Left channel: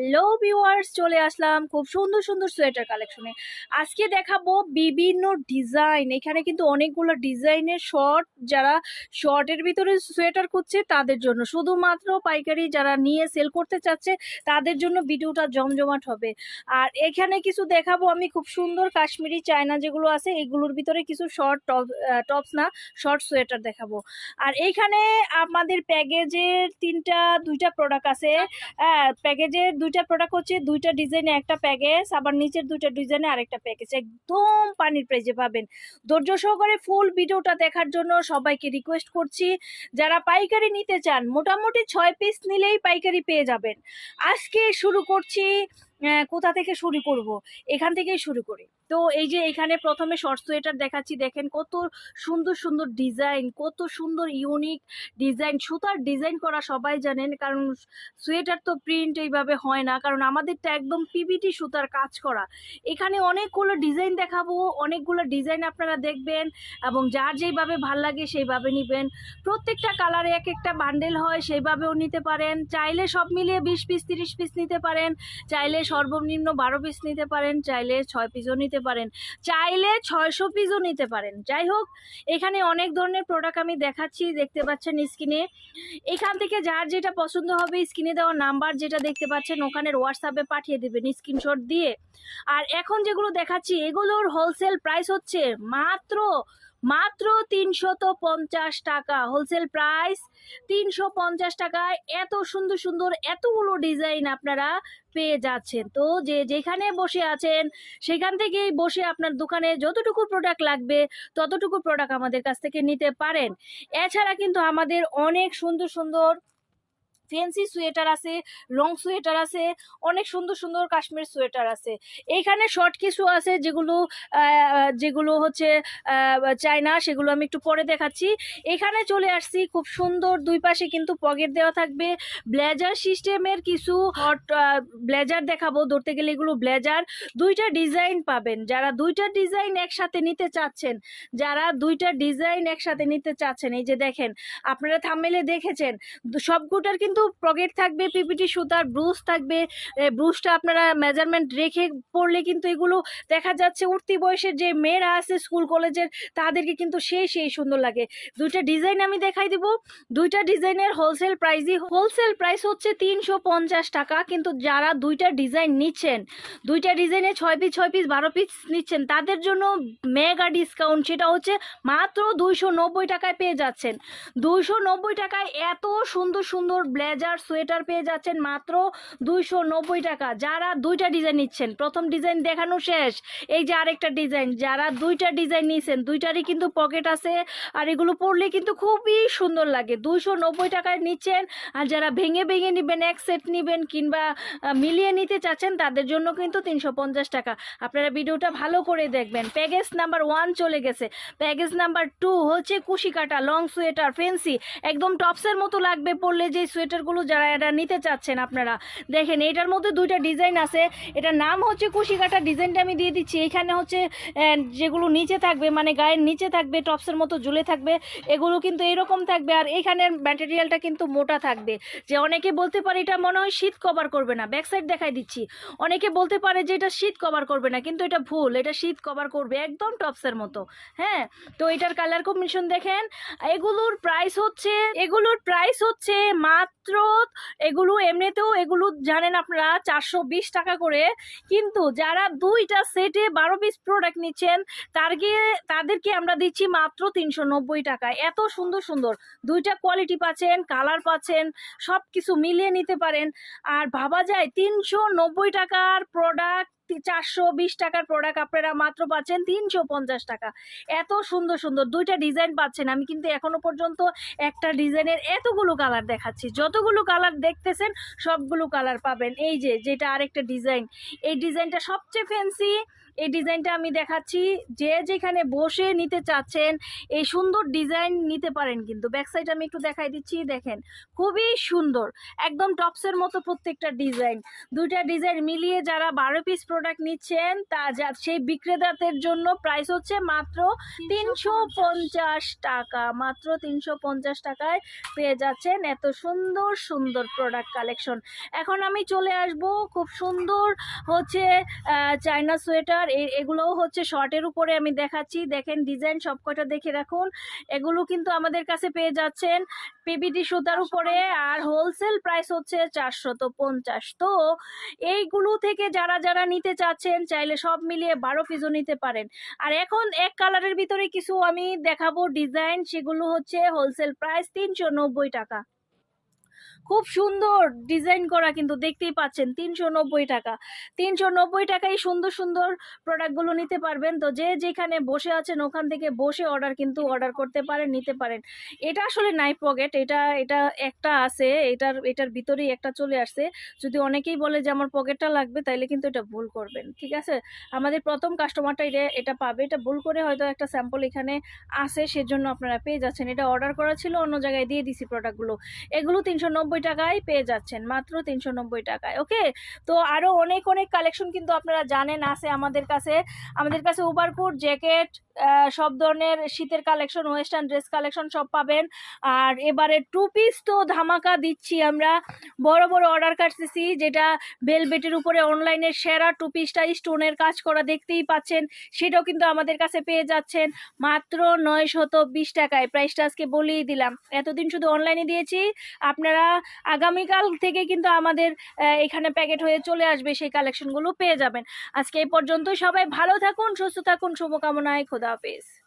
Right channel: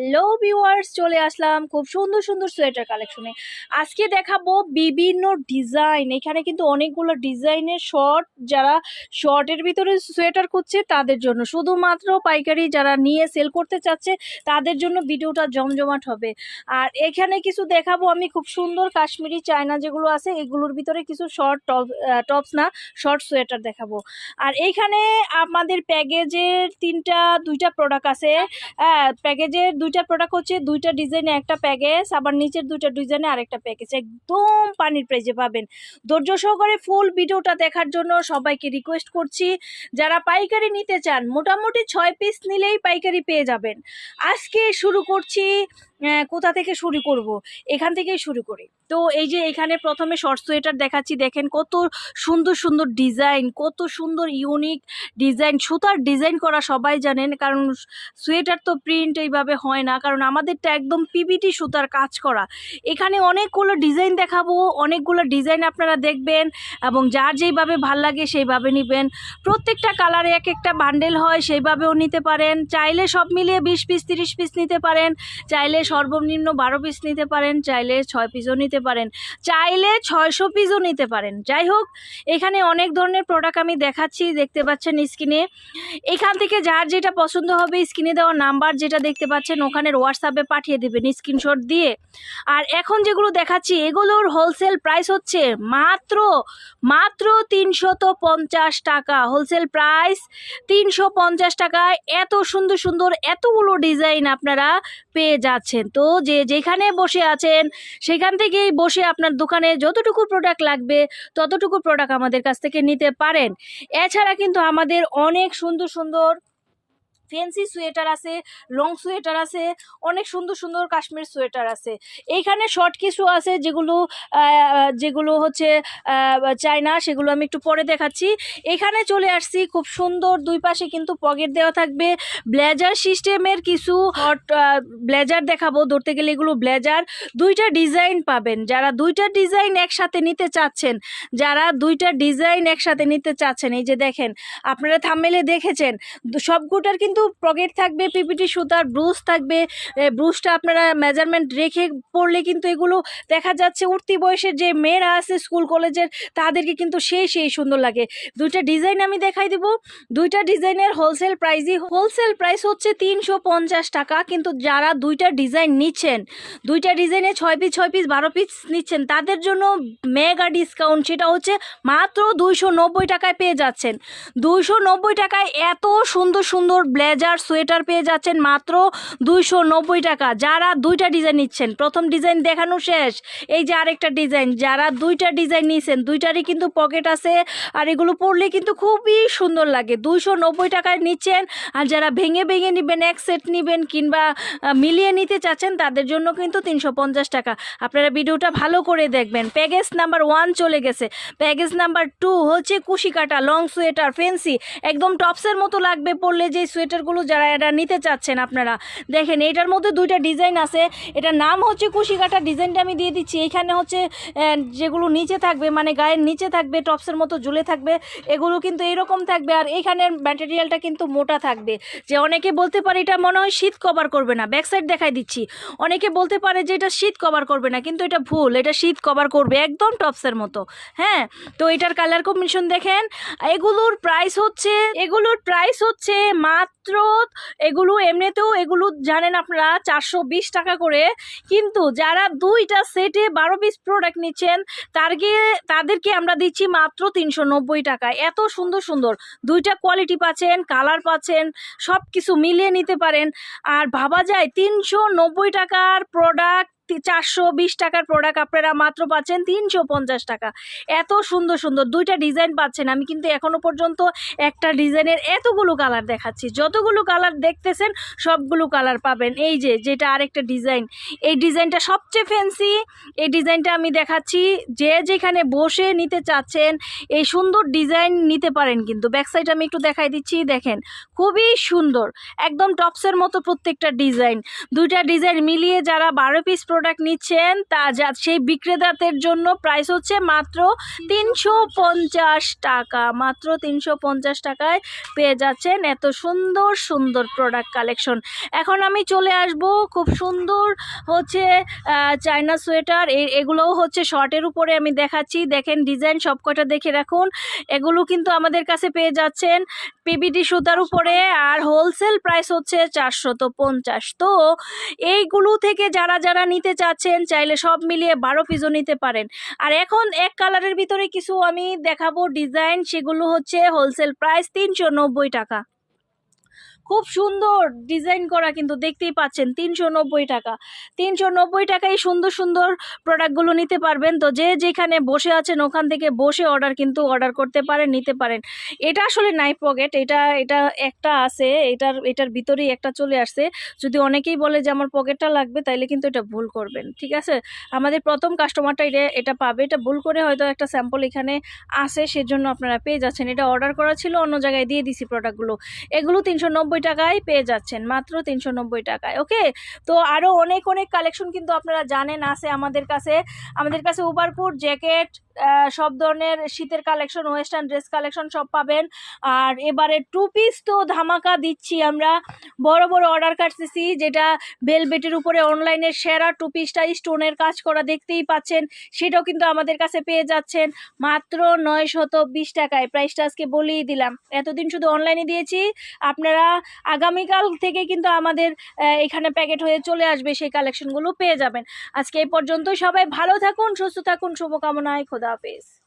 Hello viewers চলে আসলাম খুব সুন্দর সুন্দর সোয়েটার কালেকশনে আজকে দেখাবো বিভিন্ন ডিজাইন এখানে কিন্তু অনেকগুলো ডিজাইনের শর্ট যারা শর্টের ভিতরে সোয়েটার খুঁজছে তাদের জন্য। শুধুমাত্র পাইকারি যারা নিয়ে সেল করতে চাচ্ছে তাদের জন্য ভিডিওটা জমজমাট হবে। আর এখানে কিছু দেখাবো আমি খুব সুন্দর কাশ্মীরি চায়না যেগুলো আছে এগুলোর ভিতরে কিছু শর্ট টপ টপস না শর্ট সোয়েটার দেখাবো। আর এইখানে আমাদের প্যাকেজের তিনটা দুইটা প্রোডাক্ট আছে। হ্যাঁ প্যাকেজের দুইটা প্রোডাক্ট হচ্ছে, দুইটা ডিজাইনে একটা প্যাকেজ আবার নিচের দুইটা ডিজাইনে আরেকটা প্যাকেজ একদম পানির প্রাইজে পাবেন। ধৈর্য সহকারে ফুল ভিডিওটা দেখার জন্য সবাইকে রিকোয়েস্ট করছি, যারা পাইকারি নিতে চান, মোটামুটি ছয় পিস নিলেই পাইকারি পেয়ে যাবেন। আজকে শুরু করছি কোথা থেকে শুরু করব? এখান থেকেই শুরু করি। তো এই যে এখানে প্রথমে শর্ট সোয়েটার দেখাচ্ছি, দেখেন কত সুন্দর সুন্দর ডিজাইন কত সুন্দর ইউনিক ডিজাইন সুতার ডিজাইন করা সবাই জানেন, কারণ সোয়েটার তো প্রিন্ট এইভাবে হয় না, কারণ আমাদেরটা একদম পিবিটি সুতার কাজ করা। এখানে অনেকগুলো ডিজাইন দেখাবো, অনেকগুলো ডিজাইন আপনারা দেখবেন এবং যার যেইভাবে ভালো লাগে সেইভাবে নেবেন। প্রত্যেকটা কালারে এক একটা বান্ডেল হয়, সেইভাবেও নিতে পারেন। চাইলে সব মিলিয়ে বিশ পিস তিরিশ পিস নিতে পারেন। চাইলে সর্বনিম্ন বারো পিস নিতে পারেন, চাইলে ছয় পিসও নিতে পারেন। চাইলে ছয়শো পিসও নিতে পারেন। যাই হোক, এখানে অনেক ধরনের প্রোডাক্ট আমি দেখাচ্ছি, দেখতে পাচ্ছেন স্ক্রিনে এখান থেকে যার যেটা পছন্দ হবে স্ক্রিনে দেওয়া নাম্বার যেটা দেখতে পাচ্ছেন ওখানের হোয়াটসঅ্যাপে পাঠিয়ে দেবেন স্ক্রিনশট দিয়ে। আর এখন যেগুলো দেখাচ্ছি, এগুলোর হোলসেল প্রাইস হচ্ছে মাত্র মাত্র তিনশত পঞ্চাশ টাকা। হোলসেল প্রাইস তিনশো পঞ্চাশ টাকায় এত সুন্দর সুন্দর, এতগুলো ডিজাইন আপনারা পেয়ে যাচ্ছেন। তো যে যেখানে বসে আছেন, সেখান থেকেই বসে আপনার দোকানে যতটুকু প্রোডাক্ট লাগবে, ততটুকু প্রোডাক্ট আমাদের কাছ থেকে নিতে পারেন। এছাড়া কিন্তু আমাদের অনেক সুন্দর সুন্দর ফেন্সি সোয়েটার আছে, লং সোয়েটার আছে, অনেক সুন্দর সুন্দর কাশ্মীর সোয়েটার আছে। এইখানে শর্ট কিছু আছে যেগুলো যেগুলো হচ্ছে চায়না, সেগুলো আমি একটু পরে দেখাচ্ছি। এখানে চলে আসছি খুব সুন্দর দুই পাশে কিন্তু পকেট দেওয়া থাকবে। ব্লেজার সিস্টেমের কিছু হট ব্লেজার দেখাবো। ধরতে গেলে এগুলো ব্লেজার। দুইটা ডিজাইন পাবেন। যারা দুইটা ডিজাইন একসাথে নিতে চাচ্ছেন, যারা দুইটা ডিজাইন একসাথে নিতে চাচ্ছেন, এই যে দেখেন, আপনারা থামেলে দেখেছেন, সবগুটার কিন্তু পকেট থাকবে, পিপিটি সুতার ব্রুশ থাকবে ব্রুশটা আপনারা মেজারমেন্ট রেখে পড়লে কিন্তু এগুলো দেখা যাচ্ছে উঠতি বয়সের যে মেয়েরা আছে স্কুল কলেজের তাদেরকে কিন্তু সেই সেই সুন্দর লাগে। দুইটা ডিজাইন আমি দেখাই দিব। দুইটা ডিজাইনের হোলসেল প্রাইসই হোলসেল প্রাইস হচ্ছে তিনশো পঞ্চাশ টাকা। কিন্তু যারা দুইটা ডিজাইন নিচ্ছেন, দুইটা ডিজাইনে ছয় পিস ছয় পিস বারো পিস নিচ্ছেন, তাদের জন্য মেগা ডিসকাউন্ট সেটা হচ্ছে মাত্র দুইশো নব্বই টাকায় পেয়ে যাচ্ছেন। দুইশো নব্বই টাকায় এত সুন্দর সুন্দর ব্লেজার সোয়েটার পেয়ে যাচ্ছেন মাত্র দুইশো নব্বই টাকা। যারা দুইটা ডিজাইন নিচ্ছেন, প্রথম ডিজাইন দেখানো শেষ। এই যে আরেকটা ডিজাইন, যারা দুইটা ডিজাইন নিয়েছেন, দুইটারই কিন্তু পকেট আছে আর এগুলো পরলে কিন্তু খুবই সুন্দর লাগে। দুইশো নব্বই টাকায় নিচ্ছেন আর যারা ভেঙে ভেঙে নেবেন, এক সেট নেবেন কিংবা মিলিয়ে নিতে চাচ্ছেন, তাদের জন্য কিন্তু তিনশো পঞ্চাশ টাকা। আপনারা ভিডিওটা ভালো করে দেখবেন। প্যাকেজ নাম্বার ওয়ান চলে গেছে। প্যাকেজ নাম্বার টু হচ্ছে কুশি কাটা লং সোয়েটার ফেন্সি একদম টপসের মতো লাগবে পরলে যে সোয়েটারগুলো যারা এটা নিতে চাচ্ছেন আপনারা, দেখেন এটার মধ্যে দুইটা ডিজাইন আছে। এটার নাম হচ্ছে কুশি কাটা ডিজাইনটা আমি দিয়ে দিচ্ছি। এখানে হচ্ছে যেগুলো নিচে থাকবে মানে গায়ের নিচে থাকবে, টপসের মতো ঝুলে থাকবে, এগুলো কিন্তু এরকম থাকবে। আর এখানের ম্যাটেরিয়ালটা কিন্তু মোটা থাকবে। যে অনেকে বলতে পারে এটা মনে হয় শীত কভার করবে না। ব্যাক সাইড দেখাই দিচ্ছি। অনেকে বলতে পারে যে এটা শীত কভার করবে না, কিন্তু এটা ভুল। এটা শীত কভার করবে একদম টপসের মতো। হ্যাঁ? তো এটার কালার কম্বিনেশন দেখেন। এগুলোর প্রাইস হচ্ছে, এগুলোর প্রাইস হচ্ছে মাত্র এগুলো এমনিতেও এগুলো জানেন আপনারা, চারশো বিশ টাকা করে। কিন্তু যারা দুইটা সেটে বারো পিস প্রোডাক্ট নিচ্ছেন তারকে তাদেরকে আমরা দিচ্ছি মাত্র তিনশো নব্বই টাকা। এত সুন্দর সুন্দর। দুইটা কোয়ালিটি পাচ্ছেন কালার পাচ্ছেন সব কিছু মিলিয়ে নিতে পারেন। আর ভাবা যায় তিনশো নব্বই টাকার প্রোডাক্ট চারশো বিশ টাকার প্রোডাক্ট আপনারা মাত্র পাচ্ছেন তিনশো পঞ্চাশ টাকা। এত সুন্দর সুন্দর দুইটা ডিজাইন পাচ্ছেন। আমি কিন্তু এখনও পর্যন্ত একটা ডিজাইনের এতগুলো কালার দেখাচ্ছি। যতগুলো কালার দেখতেছেন, সবগুলো কালার পাবেন। এই যে, যেটা আরেকটা ডিজাইন এই ডিজাইনটা সবচেয়ে ফ্যান্সি এই ডিজাইনটা আমি দেখাচ্ছি, যে যেখানে বসে নিতে চাচ্ছেন, এই সুন্দর ডিজাইন নিতে পারেন কিন্তু। ব্যাক সাইড আমি একটু দেখাই দিচ্ছি, দেখেন। খুবই সুন্দর, একদম টপসের মতো প্রত্যেকটা ডিজাইন দুইটা ডিজাইন মিলিয়ে যারা বারো পিস নিচ্ছেন, তা যা সেই বিক্রেতাদের জন্য প্রাইস হচ্ছে মাত্র তিনশো পঞ্চাশ টাকা। মাত্র তিনশো পঞ্চাশ টাকায় পেয়ে যাচ্ছেন এত সুন্দর সুন্দর প্রোডাক্ট কালেকশন এখন আমি চলে আসব, খুব সুন্দর হচ্ছে চায়না সোয়েটার। এগুলোও হচ্ছে শর্টের উপরে আমি দেখাচ্ছি। দেখেন ডিজাইন সবকটা দেখে রাখুন। এগুলো কিন্তু আমাদের কাছে পেয়ে যাচ্ছেন পিবিডি সুতার উপরে আর হোলসেল প্রাইস হচ্ছে চারশো তো পঞ্চাশ। তো এইগুলো থেকে যারা যারা নিতে চাচ্ছেন, চাইলে সব মিলিয়ে বারো পিসও নিতে পারেন। আর এখন এক কালারের ভিতরে কিছু আমি দেখাবো ডিজাইন সেগুলো হচ্ছে হোলসেল প্রাইস তিনশো নব্বই টাকা। খুব সুন্দর ডিজাইন করা কিন্তু দেখতেই পাচ্ছেন তিনশো নব্বই টাকা। তিনশো নব্বই টাকায় সুন্দর সুন্দর প্রোডাক্টগুলো নিতে পারবেন। তো যে যেখানে বসে আছেন ওখান থেকে বসে অর্ডার কিন্তু অর্ডার করতে পারেন, নিতে পারেন। এটা আসলে নাই পকেট, এটা এটা একটা আছে, এটার এটার ভিতরেই একটা চলে আসছে। যদি অনেকেই বলে যে আমার পকেটটা লাগবে, তাইলে কিন্তু এটা ভুল করবেন, ঠিক আছে? আমাদের প্রথম কাস্টমারটা এটা এটা পাবে। এটা ভুল করে হয়তো একটা স্যাম্পল এখানে আসে সেজন্য আপনারা পেয়ে যাচ্ছেন। এটা অর্ডার করা ছিল, অন্য জায়গায় দিয়ে দিছি প্রোডাক্টগুলো। এগুলো তিনশো নব্বই টাকায় পেয়ে যাচ্ছেন, মাত্র তিনশো নব্বই টাকায় ওকে তো আরও অনেক অনেক কালেকশন কিন্তু আপনারা জানেন আছে আমাদের কাছে। আমাদের কাছে ওভারকোট জ্যাকেট সব ধরনের শীতের কালেকশন ওয়েস্টার্ন ড্রেস কালেকশন সব পাবেন। আর এবারে টু পিস তো ধামাকা দিচ্ছি আমরা। বড় বড় অর্ডার কাটতেছি, যেটা বেলবেটের উপরে অনলাইনে সেরা টু পিসটা স্টোনের কাজ করা দেখতেই পাচ্ছেন। সেটাও কিন্তু আমাদের কাছে পেয়ে যাচ্ছেন, মাত্র নয় শত বিশ টাকায় প্রাইসটা আজকে বলেই দিলাম। এতদিন শুধু অনলাইনে দিয়েছি, আপনারা আগামীকাল থেকে কিন্তু আমাদের এখানে প্যাকেট হয়ে চলে আসবে, সেই কালেকশনগুলো পেয়ে যাবেন। আজকে এই পর্যন্ত সবাই ভালো থাকুন, সুস্থ থাকুন, শুভকামনায়, খোদা হাফেজ।